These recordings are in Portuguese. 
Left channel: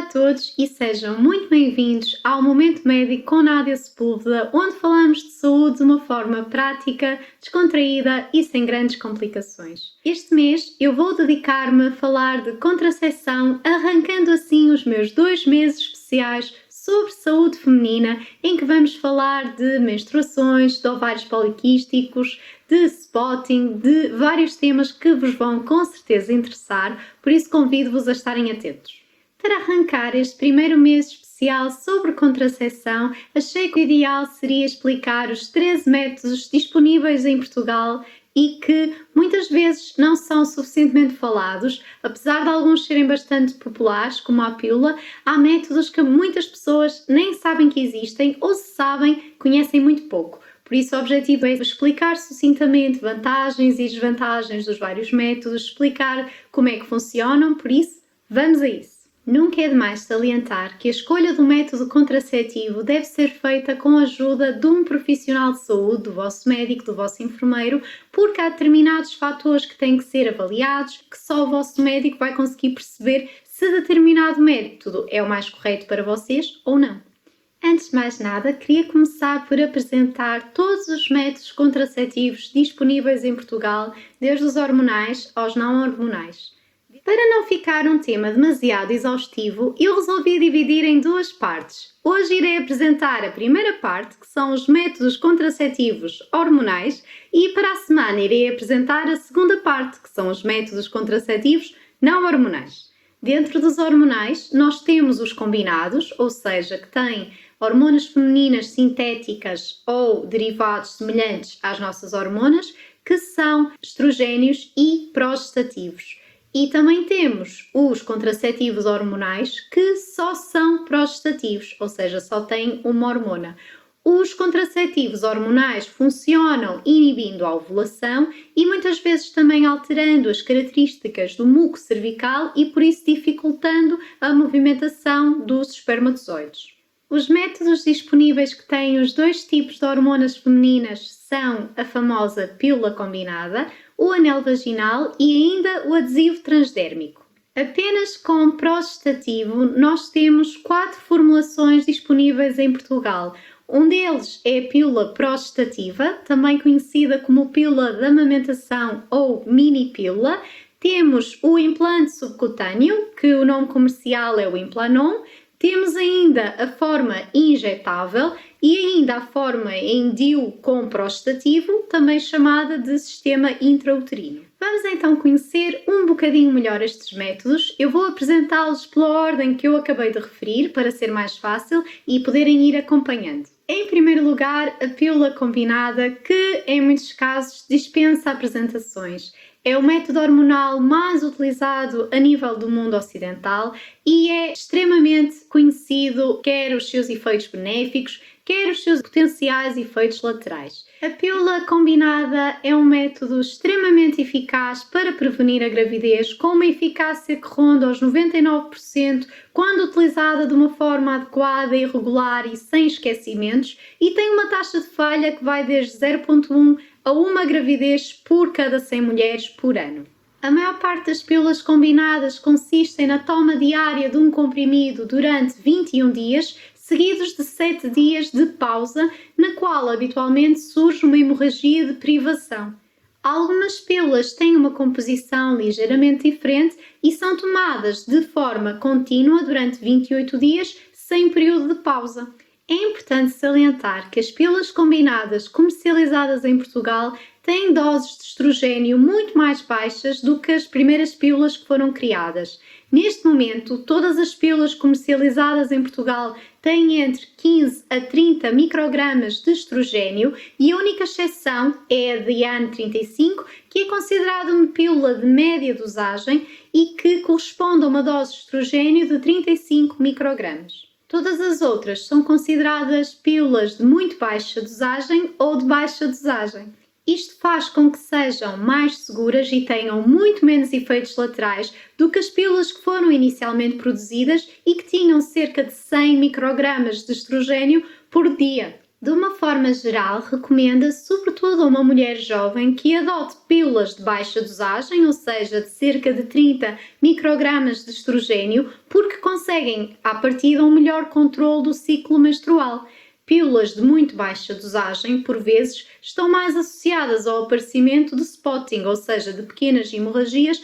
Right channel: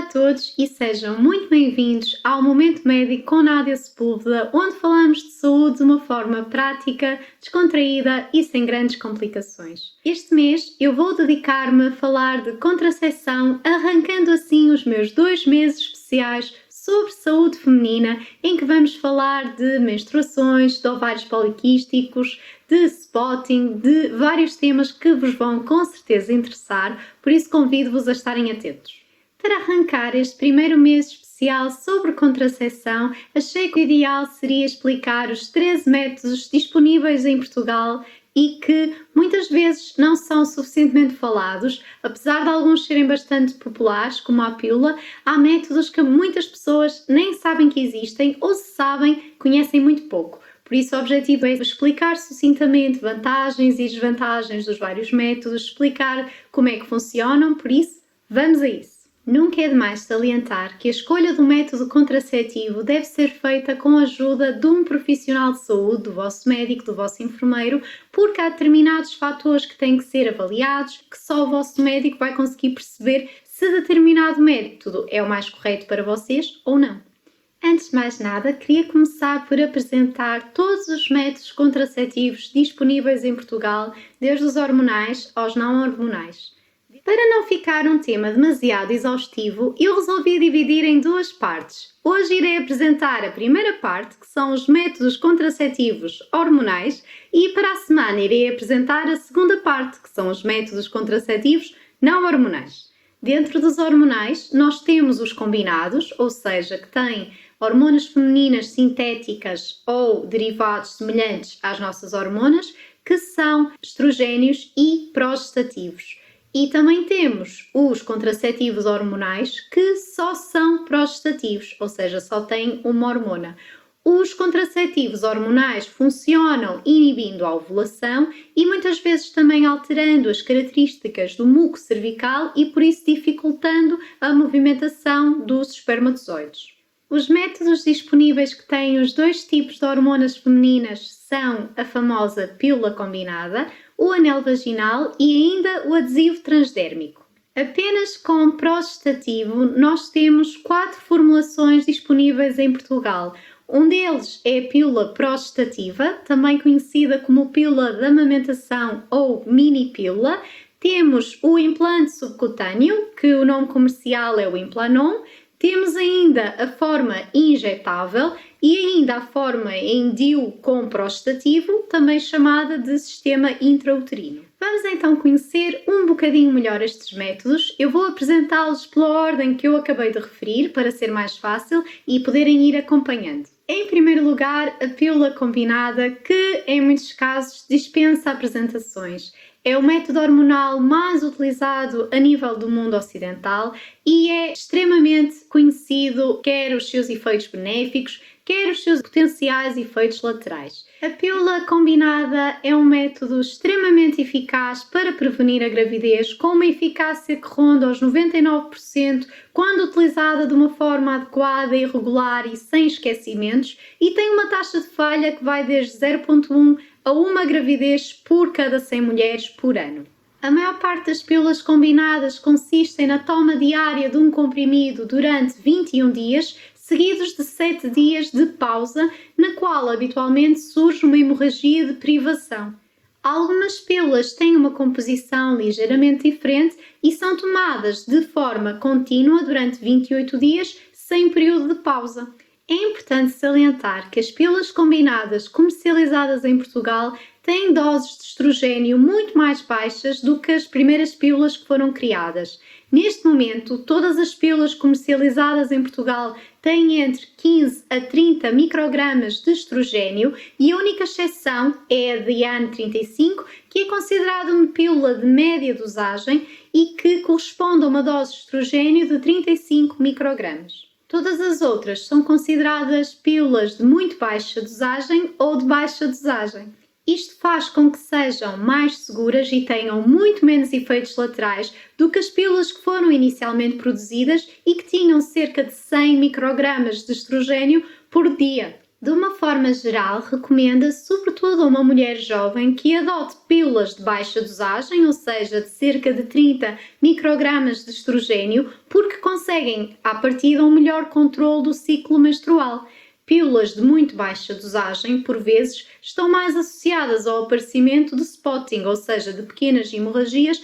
Olá a todos e sejam muito bem-vindos ao Momento Médico com Nádia Sepúlveda, onde falamos de saúde de uma forma prática, descontraída e sem grandes complicações. Este mês eu vou dedicar-me a falar de contracepção, arrancando assim os meus 2 meses especiais sobre saúde feminina, em que vamos falar de menstruações, de ovários poliquísticos, de spotting, de vários temas que vos vão com certeza interessar, por isso convido-vos a estarem atentos. Para arrancar este primeiro mês especial sobre contracepção, achei que o ideal seria explicar os 13 métodos disponíveis em Portugal e que muitas vezes não são suficientemente falados, apesar de alguns serem bastante populares, como a pílula. Há métodos que muitas pessoas nem sabem que existem ou, se sabem, conhecem muito pouco. Por isso, o objetivo é explicar sucintamente vantagens e desvantagens dos vários métodos, explicar como é que funcionam, por isso, vamos a isso! Nunca é demais salientar que a escolha do método contraceptivo deve ser feita com a ajuda de um profissional de saúde, do vosso médico, do vosso enfermeiro, porque há determinados fatores que têm que ser avaliados, que só o vosso médico vai conseguir perceber se determinado método é o mais correto para vocês ou não. Antes de mais nada, queria começar por apresentar todos os métodos contraceptivos disponíveis em Portugal, desde os hormonais aos não hormonais. Para não ficar um tema demasiado exaustivo, eu resolvi dividir em 2 partes. Hoje irei apresentar a primeira parte, que são os métodos contraceptivos hormonais, e para a semana irei apresentar a segunda parte, que são os métodos contraceptivos não hormonais. Dentro dos hormonais, nós temos os combinados, ou seja, que têm hormonas femininas sintéticas ou derivados semelhantes às nossas hormonas, que são estrogénios e progestativos. E também temos os contraceptivos hormonais que só são progestativos, ou seja, só têm uma hormona. Os contraceptivos hormonais funcionam inibindo a ovulação e muitas vezes também alterando as características do muco cervical e por isso dificultando a movimentação dos espermatozoides. Os métodos disponíveis que têm os 2 tipos de hormonas femininas são a famosa pílula combinada, o anel vaginal e ainda o adesivo transdérmico. Apenas com progestativo nós temos 4 formulações disponíveis em Portugal. Um deles é a pílula progestativa, também conhecida como pílula de amamentação ou mini-pílula. Temos o implante subcutâneo, que o nome comercial é o Implanon. Temos ainda a forma injetável e ainda a forma em DIU com progestativo, também chamada de sistema intrauterino. Vamos então conhecer um bocadinho melhor estes métodos. Eu vou apresentá-los pela ordem que eu acabei de referir, para ser mais fácil e poderem ir acompanhando. Em primeiro lugar, a pílula combinada, que em muitos casos dispensa apresentações. É o método hormonal mais utilizado a nível do mundo ocidental e é extremamente conhecido, quer os seus efeitos benéficos, quer os seus potenciais efeitos laterais. A pílula combinada é um método extremamente eficaz para prevenir a gravidez, com uma eficácia que ronda os 99% quando utilizada de uma forma adequada e regular e sem esquecimentos, e tem uma taxa de falha que vai desde 0,1 a uma gravidez por cada 100 mulheres por ano. A maior parte das pílulas combinadas consistem na toma diária de um comprimido durante 21 dias, seguidos de 7 dias de pausa, na qual habitualmente surge uma hemorragia de privação. Algumas pílulas têm uma composição ligeiramente diferente e são tomadas de forma contínua durante 28 dias, sem período de pausa. É importante salientar que as pílulas combinadas comercializadas em Portugal têm doses de estrogênio muito mais baixas do que as primeiras pílulas que foram criadas. Neste momento, todas as pílulas comercializadas em Portugal têm entre 15 a 30 microgramas de estrogênio e a única exceção é a Diane 35, que é considerada uma pílula de média dosagem e que corresponde a uma dose de estrogênio de 35 microgramas. Todas as outras são consideradas pílulas de muito baixa dosagem ou de baixa dosagem. Isto faz com que sejam mais seguras e tenham muito menos efeitos laterais do que as pílulas que foram inicialmente produzidas e que tinham cerca de 100 microgramas de estrogênio por dia. De uma forma geral, recomenda-se, sobretudo a uma mulher jovem, que adote pílulas de baixa dosagem, ou seja, de cerca de 30 microgramas de estrogênio, porque conseguem, à partida, um melhor controle do ciclo menstrual. Pílulas de muito baixa dosagem, por vezes, estão mais associadas ao aparecimento de spotting, ou seja, de pequenas hemorragias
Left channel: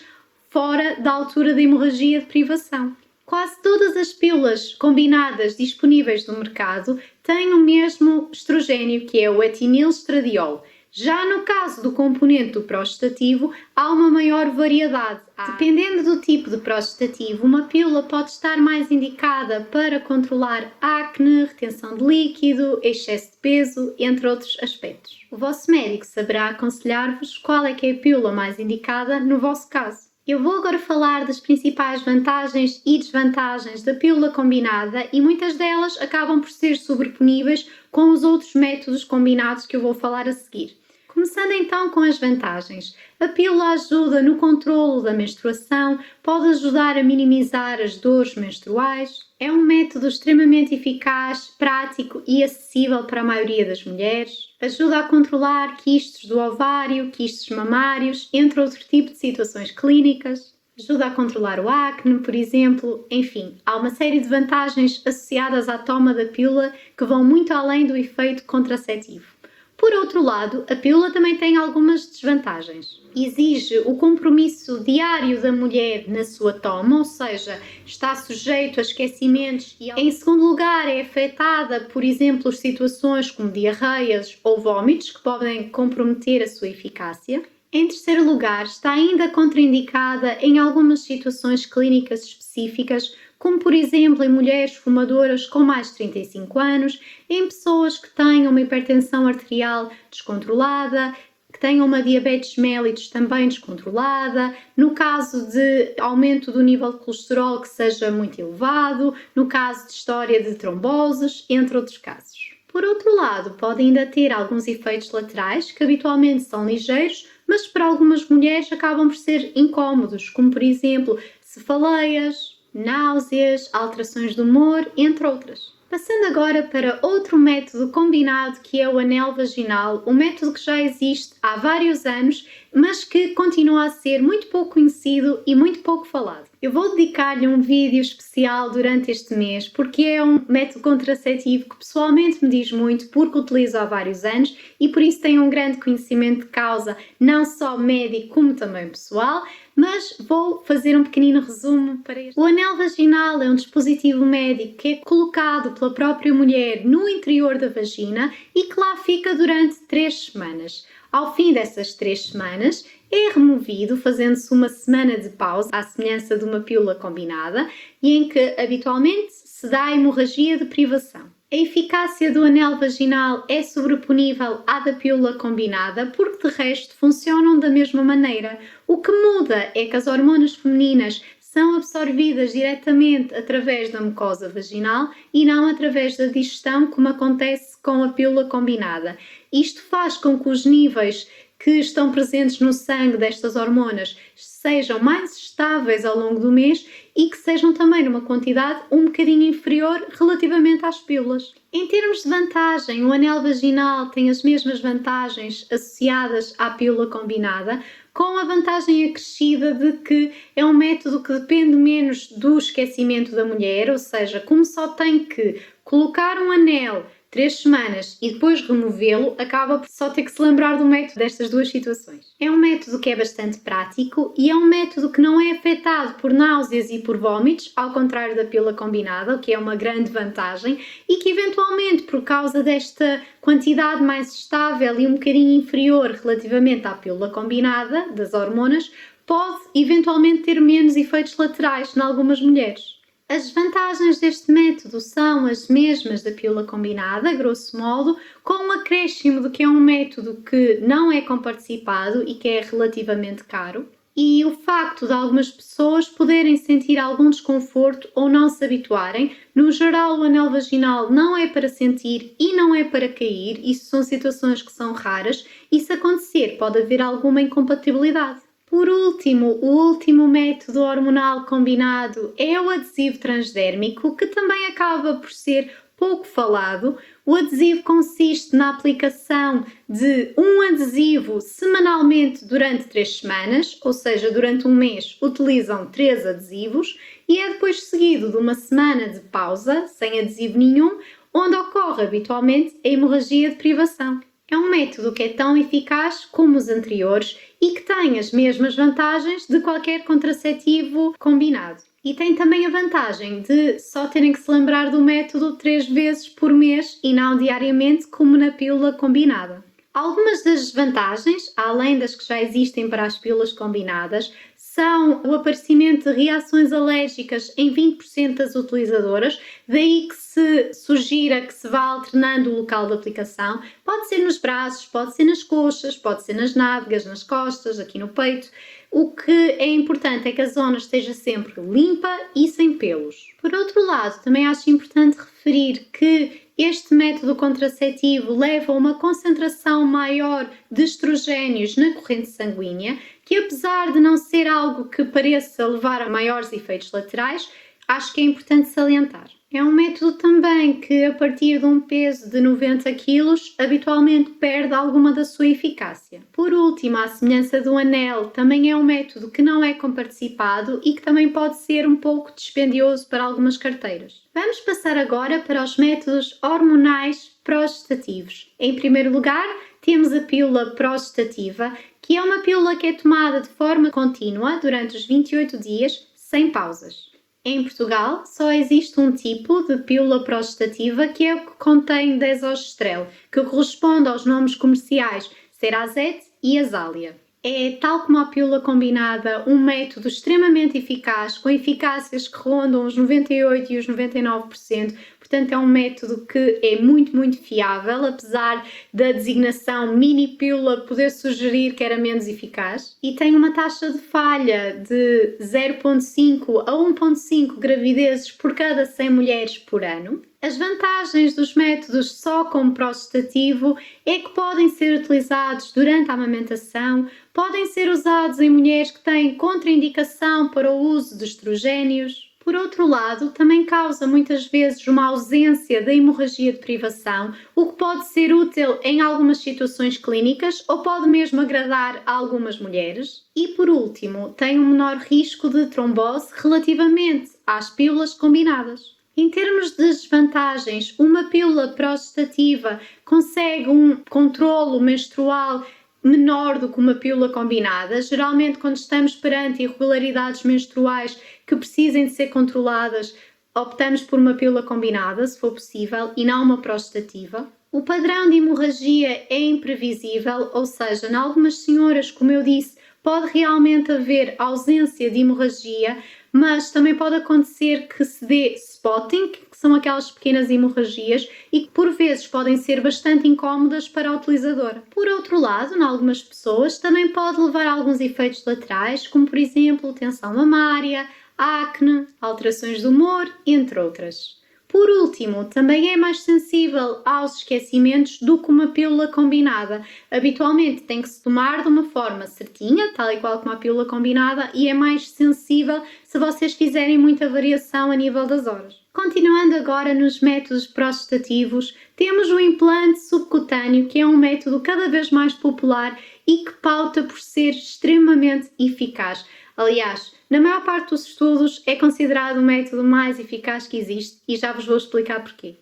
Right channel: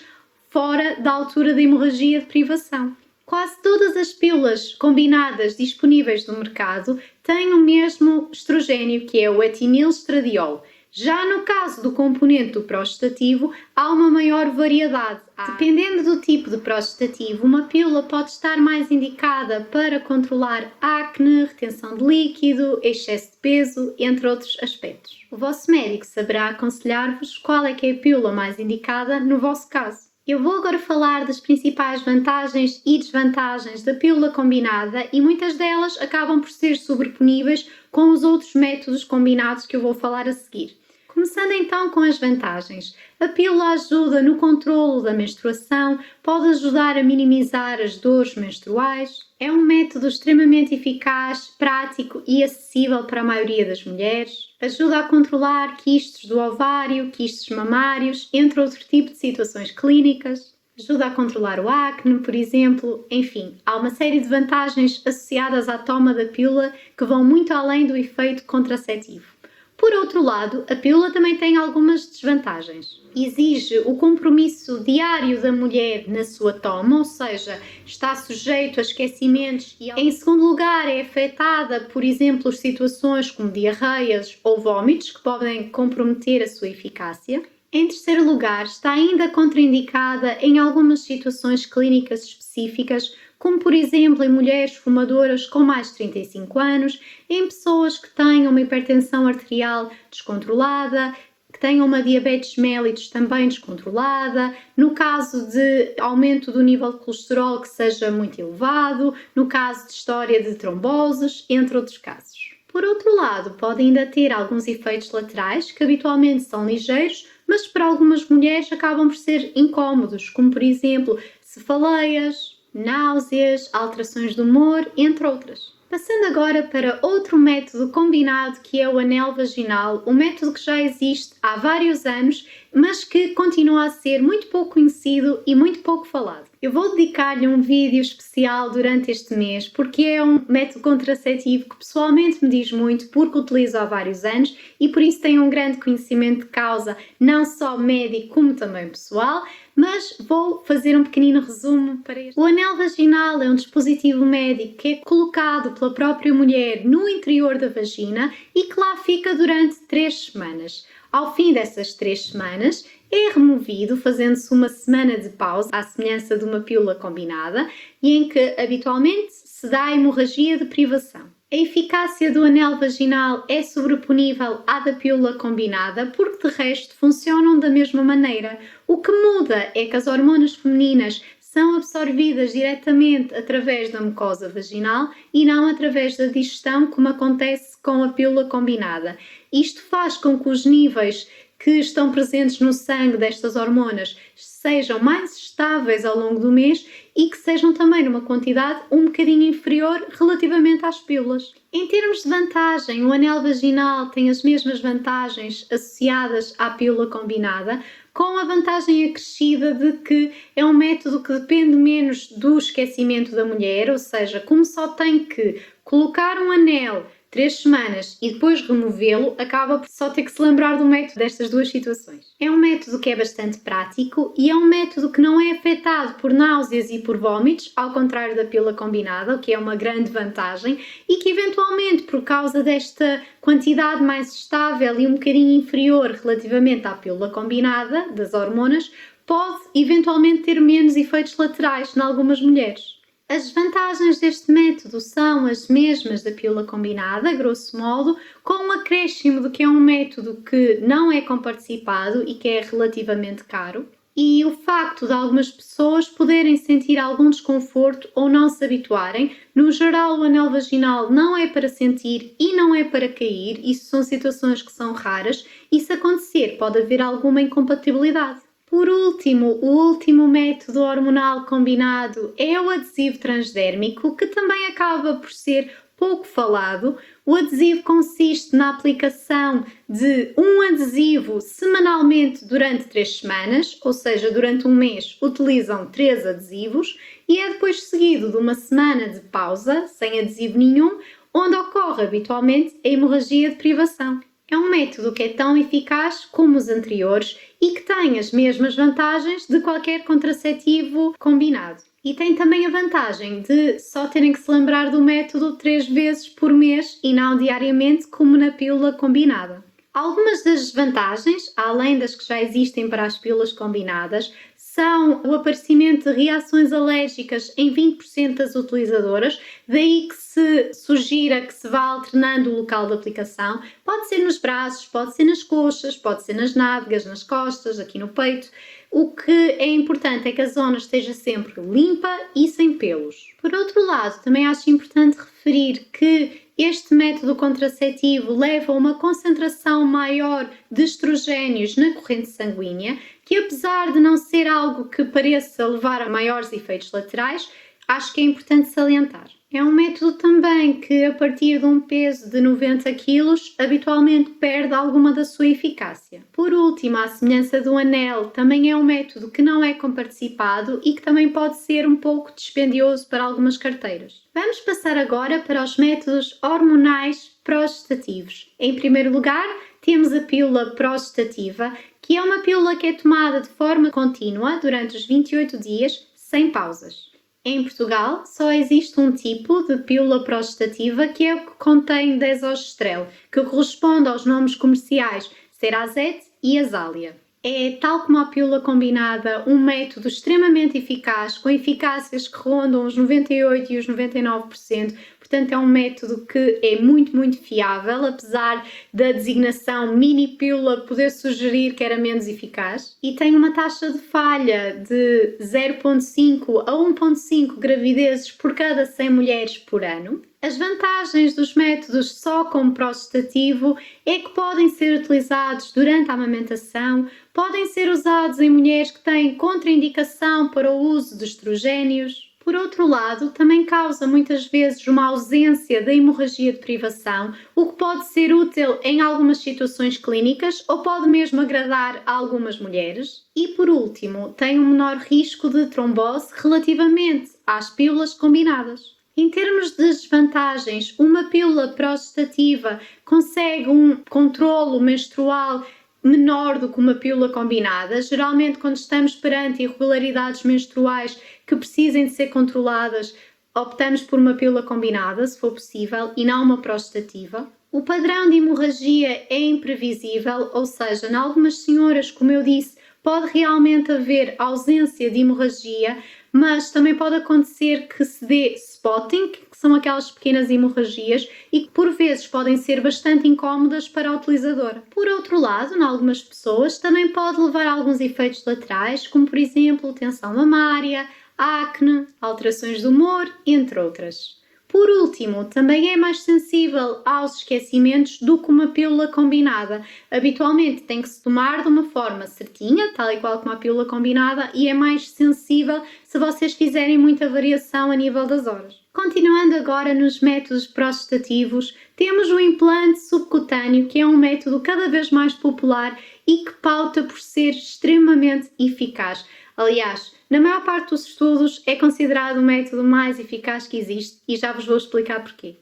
fora da altura da hemorragia de privação. Quase todas as pílulas combinadas disponíveis no mercado têm o mesmo estrogênio, que é o etinilstradiol. Já no caso do componente do prostativo, há uma maior variedade. Dependendo do tipo de prostativo, uma pílula pode estar mais indicada para controlar acne, retenção de líquido, excesso de peso, entre outros aspectos. O vosso médico saberá aconselhar-vos qual é que é a pílula mais indicada no vosso caso. Eu vou agora falar das principais vantagens e desvantagens da pílula combinada e muitas delas acabam por ser sobreponíveis com os outros métodos combinados que eu vou falar a seguir. Começando então com as vantagens. A pílula ajuda no controlo da menstruação, pode ajudar a minimizar as dores menstruais, é um método extremamente eficaz, prático e acessível para a maioria das mulheres. Ajuda a controlar quistes do ovário, quistes mamários, entre outro tipo de situações clínicas. Ajuda a controlar o acne, por exemplo. Enfim, há uma série de vantagens associadas à toma da pílula que vão muito além do efeito contraceptivo. Por outro lado, a pílula também tem algumas desvantagens. Exige o compromisso diário da mulher na sua toma, ou seja, está sujeito a esquecimentos e, em segundo lugar, é afetada, por exemplo, situações como diarreias ou vômitos que podem comprometer a sua eficácia. Em terceiro lugar, está ainda contraindicada em algumas situações clínicas específicas, como por exemplo em mulheres fumadoras com mais de 35 anos, em pessoas que tenham uma hipertensão arterial descontrolada, que tenham uma diabetes mellitus também descontrolada, no caso de aumento do nível de colesterol que seja muito elevado, no caso de história de tromboses, entre outros casos. Por outro lado, pode ainda ter alguns efeitos laterais que habitualmente são ligeiros, mas para algumas mulheres acabam por ser incómodos, como por exemplo cefaleias, náuseas, alterações de humor, entre outras. Passando agora para outro método combinado que é o anel vaginal, um método que já existe há vários anos, mas que continua a ser muito pouco conhecido e muito pouco falado. Eu vou dedicar-lhe um vídeo especial durante este mês porque é um método contraceptivo que pessoalmente me diz muito porque utilizo há vários anos e por isso tenho um grande conhecimento de causa, não só médico como também pessoal, mas vou fazer um pequenino resumo para este. O anel vaginal é um dispositivo médico que é colocado pela própria mulher no interior da vagina e que lá fica durante 3 semanas. Ao fim dessas 3 semanas, é removido, fazendo-se uma semana de pausa, à semelhança de uma pílula combinada, e em que habitualmente se dá a hemorragia de privação. A eficácia do anel vaginal é sobreponível à da pílula combinada, porque de resto funcionam da mesma maneira. O que muda é que as hormonas femininas são absorvidas diretamente através da mucosa vaginal e não através da digestão, como acontece com a pílula combinada. Isto faz com que os níveis que estão presentes no sangue destas hormonas sejam mais estáveis ao longo do mês e que sejam também numa quantidade um bocadinho inferior relativamente às pílulas. Em termos de vantagem, o anel vaginal tem as mesmas vantagens associadas à pílula combinada, com a vantagem acrescida de que é um método que depende menos do esquecimento da mulher, ou seja, como só tem que colocar um anel 3 semanas e depois removê-lo, acaba por só ter que se lembrar do método destas duas situações. É um método que é bastante prático e é um método que não é afetado por náuseas e por vômitos, ao contrário da pílula combinada, o que é uma grande vantagem, e que eventualmente, por causa desta quantidade mais estável e um bocadinho inferior relativamente à pílula combinada das hormonas, pode eventualmente ter menos efeitos laterais em algumas mulheres. As vantagens deste método são as mesmas da pílula combinada, grosso modo, com um acréscimo de que é um método que não é comparticipado e que é relativamente caro. E o facto de algumas pessoas poderem sentir algum desconforto ou não se habituarem. No geral, o anel vaginal não é para sentir e não é para cair. Isso são situações que são raras e, se acontecer, pode haver alguma incompatibilidade. Por último, o último método hormonal combinado é o adesivo transdérmico, que também acaba por ser pouco falado. O adesivo consiste na aplicação de um adesivo semanalmente durante 3 semanas, ou seja, durante um mês utilizam 3 adesivos e é depois seguido de uma semana de pausa, sem adesivo nenhum, onde ocorre habitualmente a hemorragia de privação. É um método que é tão eficaz como os anteriores e que tem as mesmas vantagens de qualquer contraceptivo combinado. E tem também a vantagem de só terem que se lembrar do método 3 vezes por mês e não diariamente, como na pílula combinada. Algumas das desvantagens, além das que já existem para as pílulas combinadas, são o aparecimento de reações alérgicas em 20% das utilizadoras, daí que se sugira que se vá alternando o local de aplicação. Pode ser nos braços, pode ser nas coxas, pode ser nas nádegas, nas costas, aqui no peito. O que é importante é que a zona esteja sempre limpa e sem pelos. Por outro lado, também acho importante referir que este método contraceptivo leva a uma concentração maior de estrogénios na corrente sanguínea, que apesar de não ser algo que pareça levar a maiores efeitos laterais, acho que é importante salientar. É um método também que, a partir de um peso de 90 kg, habitualmente perde alguma da sua eficácia. Por último, à semelhança do anel, também é um método que não é comparticipado e que também pode ser um pouco dispendioso para algumas carteiras. Vamos passar agora para os métodos hormonais progestativos. Em primeiro lugar, temos a pílula progestativa, que é uma pílula que é tomada de forma contínua durante os 28 dias, sem pausas. Em Portugal, só existe um tipo de pílula progestativa, que é o que contém desogestrel, que corresponde aos nomes comerciais Serotet e Azália. É, tal como a pílula combinada, um método extremamente eficaz, com eficácias que rondam os 98% e os 99%. Portanto, é um método que é muito fiável, apesar da designação mini-pílula poder sugerir que era menos eficaz. E tem uma taxa de falha de 0,5 a 1,5 gravidezes por cada 100 mulheres por ano. As vantagens dos métodos só como progestativo é que podem ser utilizados durante a amamentação, podem ser usados em mulheres que têm contraindicação para o uso de estrogénios. Por outro lado, também causa muitas vezes uma ausência da hemorragia de privação, o que pode ser útil em algumas situações clínicas ou pode mesmo agradar a algumas mulheres. E por último, tem um menor risco de trombose relativamente às pílulas combinadas. Em termos de desvantagens, uma pílula progestativa consegue um controlo menstrual menor do que uma pílula combinada. Geralmente, quando estamos perante irregularidades menstruais que precisem de ser controladas, optamos por uma pílula combinada, se for possível, e não uma progestativa. O padrão de hemorragia é imprevisível, ou seja, em algumas senhoras, como eu disse, pode realmente haver ausência de hemorragia, mas também pode acontecer que se dê spotting, que são aquelas pequenas hemorragias e que por vezes podem ser bastante incómodas para a utilizadora. Por outro lado, em algumas pessoas também pode levar a alguns efeitos laterais, como por exemplo tensão mamária, acne, alterações de humor, entre outras. Por último, também é mais sensível aos esquecimentos do que uma pílula combinada. Habitualmente tem que se tomar de uma forma certinha, tal e qual como a pílula combinada, e é mais sensível se vocês fizerem muita variação a nível das horas. Continuando agora nos métodos progestativos, temos o implante subcutâneo, que é um método cada vez mais popular e que pauta por ser extremamente eficaz. Aliás, na maior parte dos estudos é considerado o método mais eficaz que existe e já vos vou explicar porquê.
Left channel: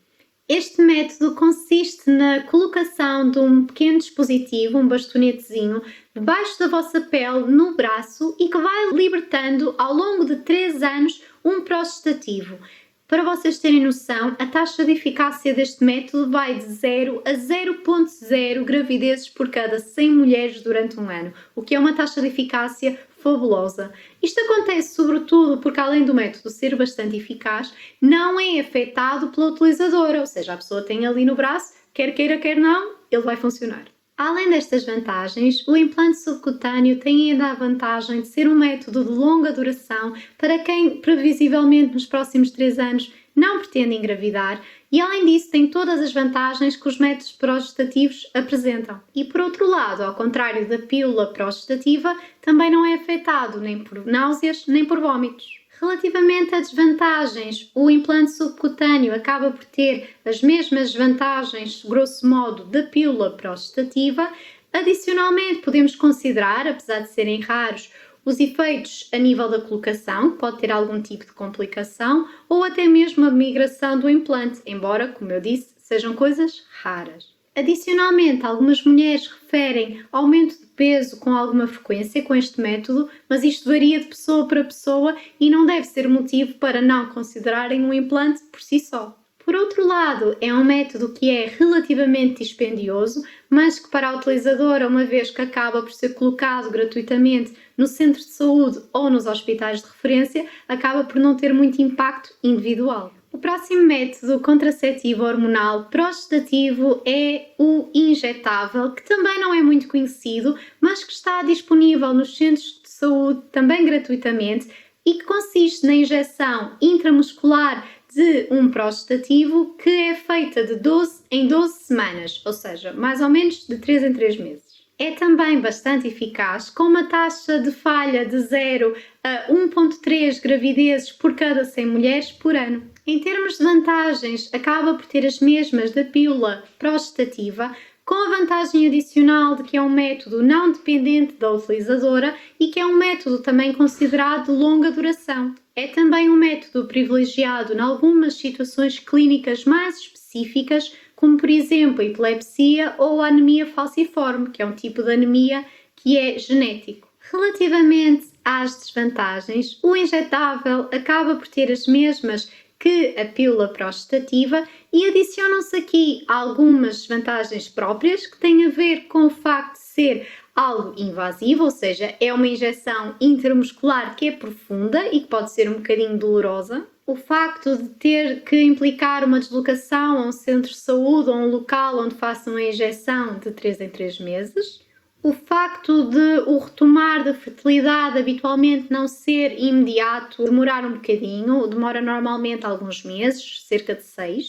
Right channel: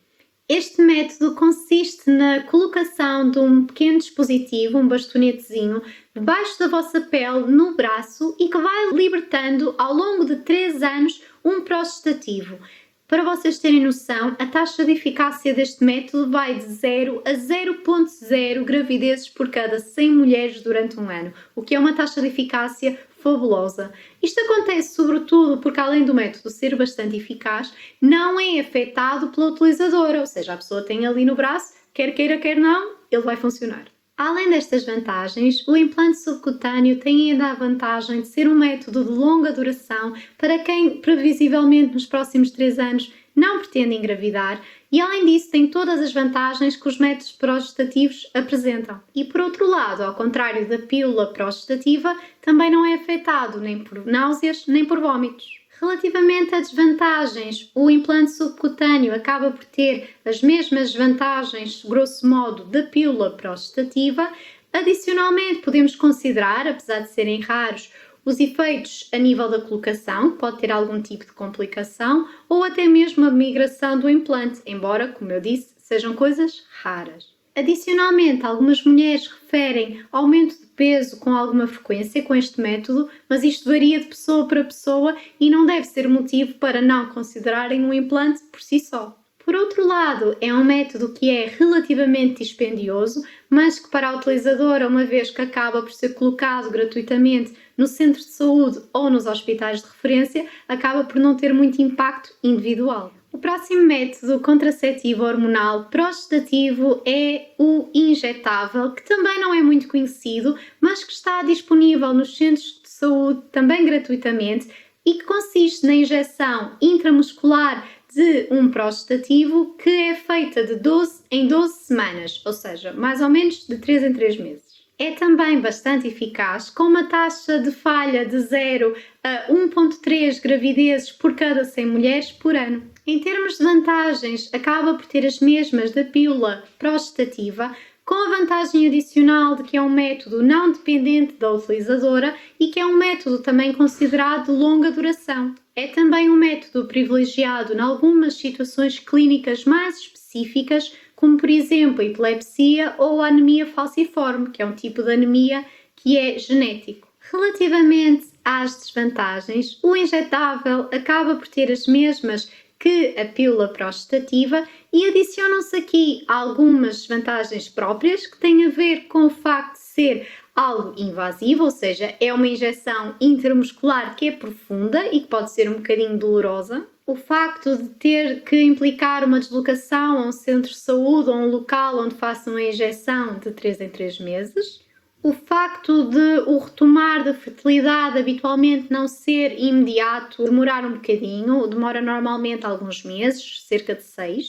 Este método consiste na colocação de um pequeno dispositivo, um bastonetezinho, debaixo da vossa pele, no braço, e que vai libertando ao longo de 3 anos um progestativo. Para vocês terem noção, a taxa de eficácia deste método vai de 0 a 0,0 gravidezes por cada 100 mulheres durante um ano, o que é uma taxa de eficácia fabulosa. Isto acontece sobretudo porque, além do método ser bastante eficaz, não é afetado pela utilizadora, ou seja, a pessoa tem ali no braço, quer queira, quer não, ele vai funcionar. Além destas vantagens, o implante subcutâneo tem ainda a vantagem de ser um método de longa duração para quem, previsivelmente, nos próximos 3 anos não pretende engravidar e, além disso, tem todas as vantagens que os métodos progestativos apresentam. E, por outro lado, ao contrário da pílula progestativa, também não é afetado nem por náuseas nem por vômitos. Relativamente a desvantagens, o implante subcutâneo acaba por ter as mesmas desvantagens, grosso modo, da pílula prostativa. Adicionalmente, podemos considerar, apesar de serem raros, os efeitos a nível da colocação, que pode ter algum tipo de complicação, ou até mesmo a migração do implante, embora, como eu disse, sejam coisas raras. Adicionalmente, algumas mulheres referem aumento de peso com alguma frequência com este método, mas isto varia de pessoa para pessoa e não deve ser motivo para não considerarem um implante por si só. Por outro lado, é um método que é relativamente dispendioso, mas que para a utilizadora, uma vez que acaba por ser colocado gratuitamente no centro de saúde ou nos hospitais de referência, acaba por não ter muito impacto individual. O próximo método contraceptivo hormonal prostativo é o injetável, que também não é muito conhecido, mas que está disponível nos centros de saúde também gratuitamente e que consiste na injeção intramuscular de um prostativo que é feita de 12 em 12 semanas, ou seja, mais ou menos de 3 em 3 meses. É também bastante eficaz, com uma taxa de falha de 0 a 1,3 gravidezes por cada 100 mulheres por ano. Em termos de vantagens, acaba por ter as mesmas da pílula prostativa, com a vantagem adicional de que é um método não dependente da utilizadora e que é um método também considerado de longa duração. É também um método privilegiado em algumas situações clínicas mais específicas, como por exemplo a epilepsia ou a anemia falciforme, que é um tipo de anemia que é genético. Relativamente às desvantagens, o injetável acaba por ter as mesmas que a pílula prostativa e adicionam-se aqui algumas vantagens próprias que têm a ver com o facto de ser algo invasivo, ou seja, é uma injeção intramuscular que é profunda e que pode ser um bocadinho dolorosa. O facto de ter que implicar uma deslocação a um centro de saúde ou a um local onde façam a injeção de 3 em 3 meses. O facto de o retomar da fertilidade habitualmente não ser imediato, demorar um bocadinho, demora normalmente alguns meses, cerca de 6.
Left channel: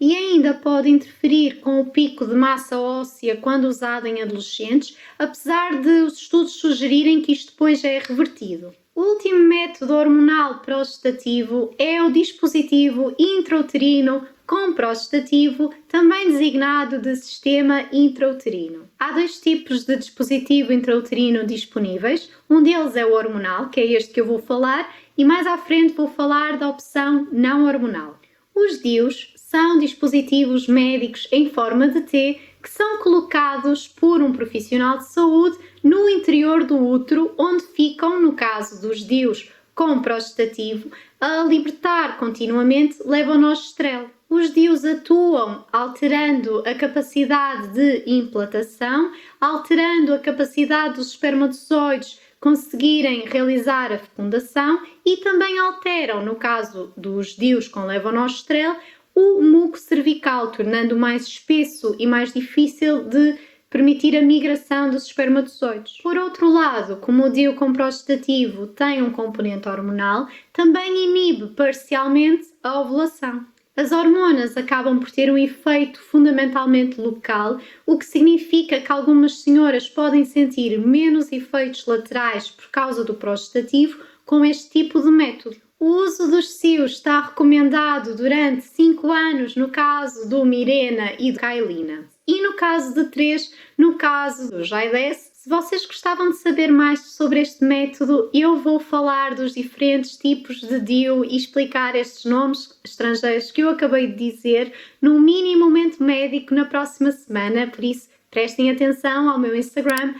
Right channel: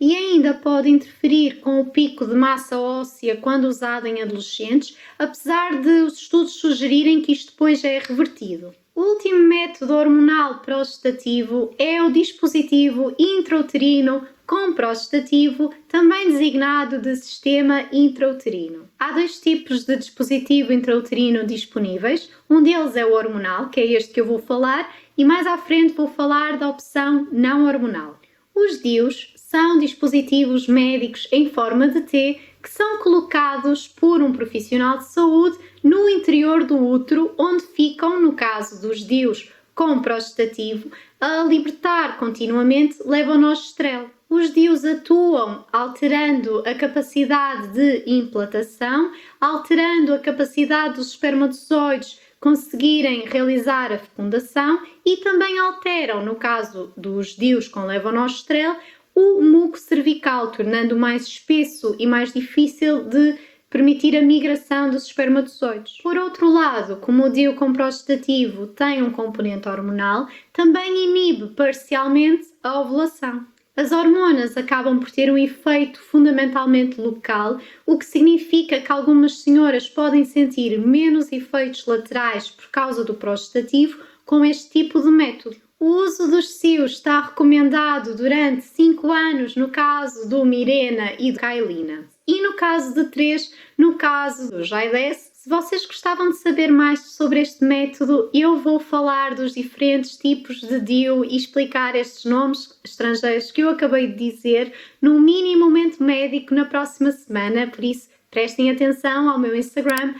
E ainda pode interferir com o pico de massa óssea quando usado em adolescente, apesar de os estudos sugerirem que isto depois é revertido. O último método hormonal prostativo é o dispositivo intrauterino com prostativo, também designado de sistema intrauterino. Há dois tipos de dispositivo intrauterino disponíveis. Um deles é o hormonal, que é este que eu vou falar, e mais à frente vou falar da opção não hormonal. Os DIUs são dispositivos médicos em forma de T que são colocados por um profissional de saúde no interior do útero, onde ficam, no caso dos DIUs com prostativo, a libertar continuamente levonorgestrel. Os DIUs atuam alterando a capacidade de implantação, alterando a capacidade dos espermatozoides conseguirem realizar a fecundação e também alteram, no caso dos DIUs com levonorgestrel, o muco cervical, tornando mais espesso e mais difícil de permitir a migração dos espermatozoides. Por outro lado, como o DIU com prostativo tem um componente hormonal, também inibe parcialmente a ovulação. As hormonas acabam por ter um efeito fundamentalmente local, o que significa que algumas senhoras podem sentir menos efeitos laterais por causa do prostativo com este tipo de método. O uso dos CIUs está recomendado durante 5 anos no caso do Mirena e do Kailina. E no caso de 3, no caso do Jaides. Se vocês gostavam de saber mais sobre este método, eu vou falar dos diferentes tipos de DIU e explicar estes nomes estrangeiros que eu acabei de dizer no mini momento médico na próxima semana, por isso prestem atenção ao meu Instagram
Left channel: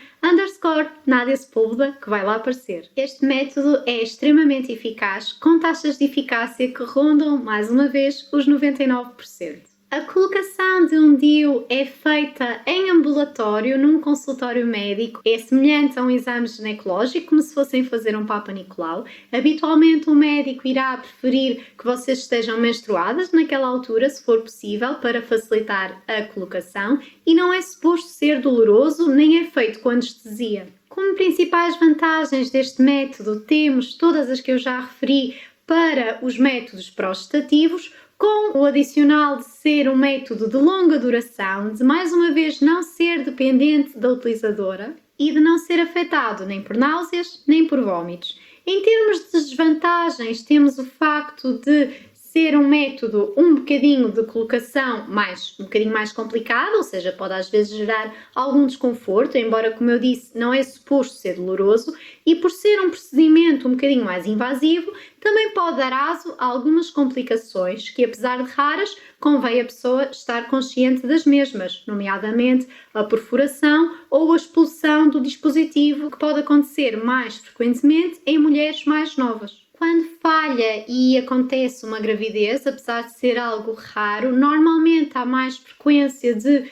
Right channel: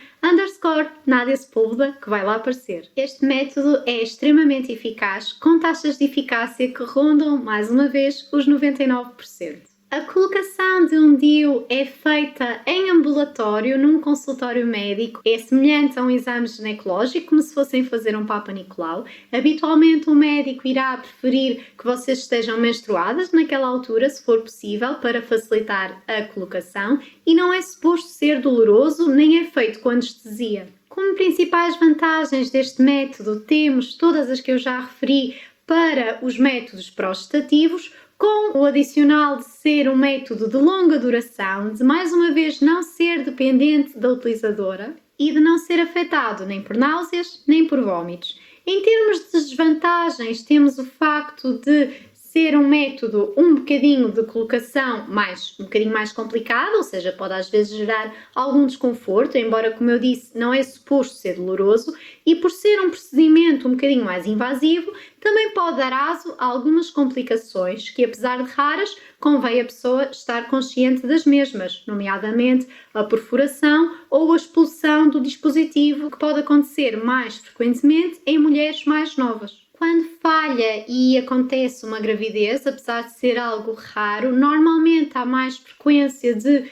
_Nádia Sepúlveda, que vai lá aparecer. Este método é extremamente eficaz, com taxas de eficácia que rondam, mais uma vez, os 99%. A colocação de um DIU é feita em ambulatório, num consultório médico. É semelhante a um exame ginecológico, como se fossem fazer um Papa Nicolau. Habitualmente o médico irá preferir que vocês estejam menstruadas naquela altura, se for possível, para facilitar a colocação. E não é suposto ser doloroso, nem é feito com anestesia. Como principais vantagens deste método, temos todas as que eu já referi para os métodos prostativos, com o adicional de ser um método de longa duração, de mais uma vez não ser dependente da utilizadora e de não ser afetado nem por náuseas nem por vômitos. Em termos de desvantagens, temos o facto de ser um método um bocadinho de colocação um bocadinho mais complicado, ou seja, pode às vezes gerar algum desconforto, embora, como eu disse, não é suposto ser doloroso, e por ser um procedimento um bocadinho mais invasivo, também pode dar aso a algumas complicações que, apesar de raras, convém a pessoa estar consciente das mesmas, nomeadamente a perfuração ou a expulsão do dispositivo, que pode acontecer mais frequentemente em mulheres mais novas. Quando falha e acontece uma gravidez, apesar de ser algo raro, normalmente há mais frequência de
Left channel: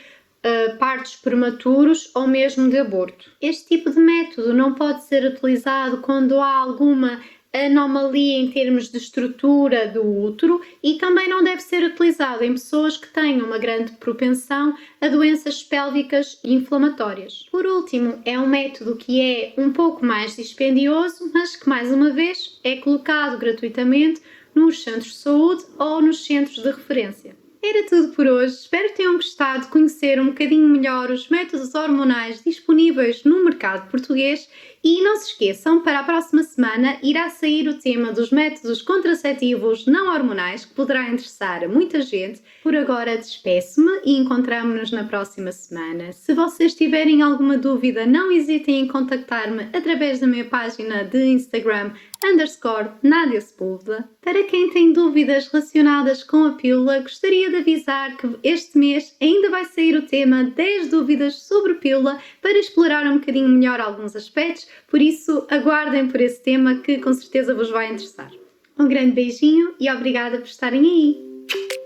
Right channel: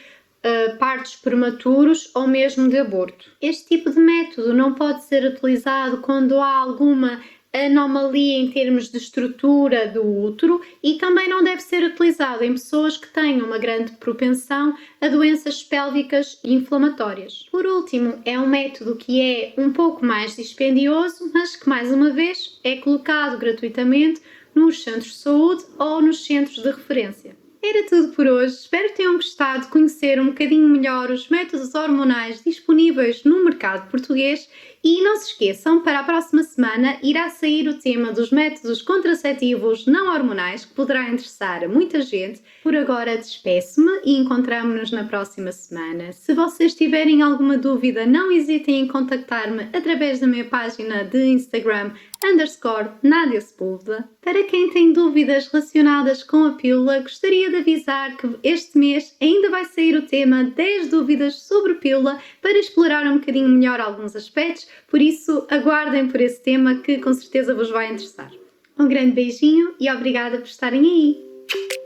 partos prematuros ou mesmo de aborto. Este tipo de método não pode ser utilizado quando há alguma anomalia em termos de estrutura do útero e também não deve ser utilizado em pessoas que tenham uma grande propensão a doenças pélvicas inflamatórias. Por último, é um método que é um pouco mais dispendioso, mas que, mais uma vez, é colocado gratuitamente nos centros de saúde ou nos centros de referência. Era tudo por hoje. Espero que tenham gostado de conhecer um bocadinho melhor os métodos hormonais disponíveis no mercado português e não se esqueçam, para a próxima semana irá sair o tema dos métodos contraceptivos não hormonais, que poderá interessar a muita gente. Por agora despeço-me e encontramo-nos na próxima semana. Se vocês tiverem alguma dúvida, não hesitem em contactar-me através da minha página de Instagram _Nádia Sepúlveda. Para quem tem dúvidas relacionadas com a pílula, gostaria de avisar que este mês ainda vai sair o tema 10 dúvidas sobre pílula para explorar um bocadinho melhor alguns aspectos, por isso aguardem por esse tema que com certeza vos vai interessar. Um grande beijinho e obrigada por estarem aí!